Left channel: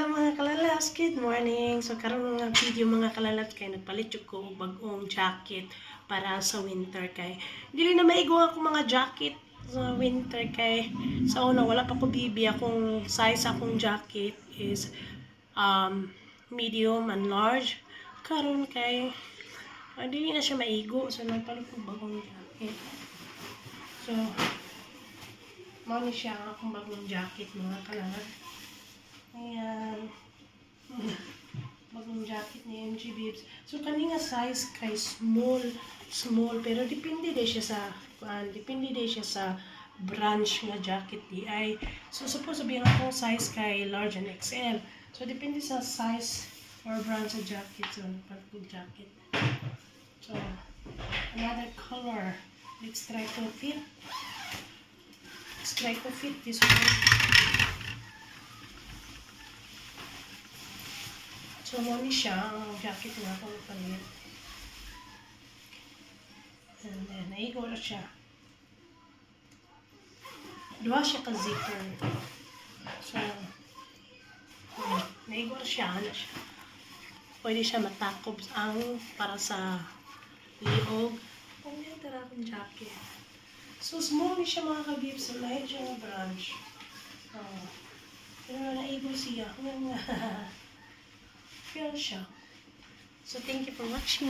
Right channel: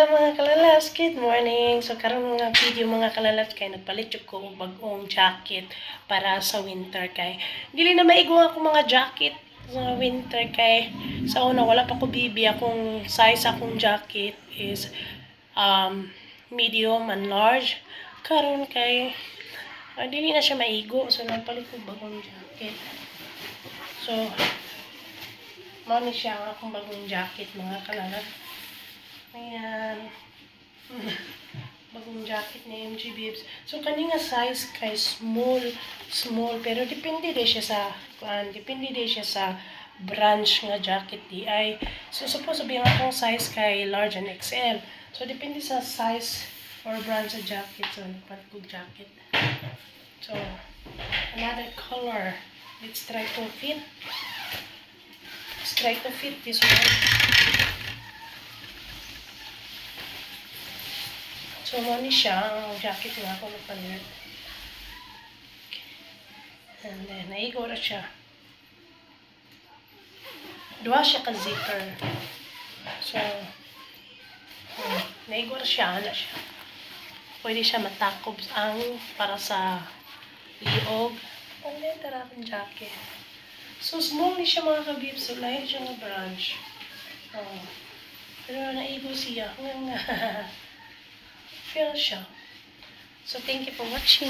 Hello mga kalalabs, good morning. So karon nga video mga kalalabs kay nagpalit ko og bag-ong jacket para sa winter kay dili na maigo ako mga jacket sa winter kay sa una wala pa ko bibi akong size akong jacket is medium and large. Karon kay dili na siya maigo so nagpalit ko bag-ong jacket. So mao ni siya ang akong bagong jacket mga kalalabs. Ayan. Bagong jacket ni MG Bibs. So, kani nga size kay small. Pero depende din siya sa, depende din siya sa branch nga jacket di ay. So, suppose sabihin akong size kay large and XL. So, depende sa size or brand sa jacket. So, nagpagpag jacket. So, another color. Let's try to fit. Let's try to fit this one. So, mali siya ang jacket nga ako napalit. And then, naigo na siya. Dua siya ka zipper. So, naigo na siya. Ano siya. Pwede siya matakob ang para sa liog. Ang letter akong jacket. So, small ni siya mga kabib. So, lahat siya nga branch. Oh. Pero naigo siya. Feel siya. So, thank you for watching.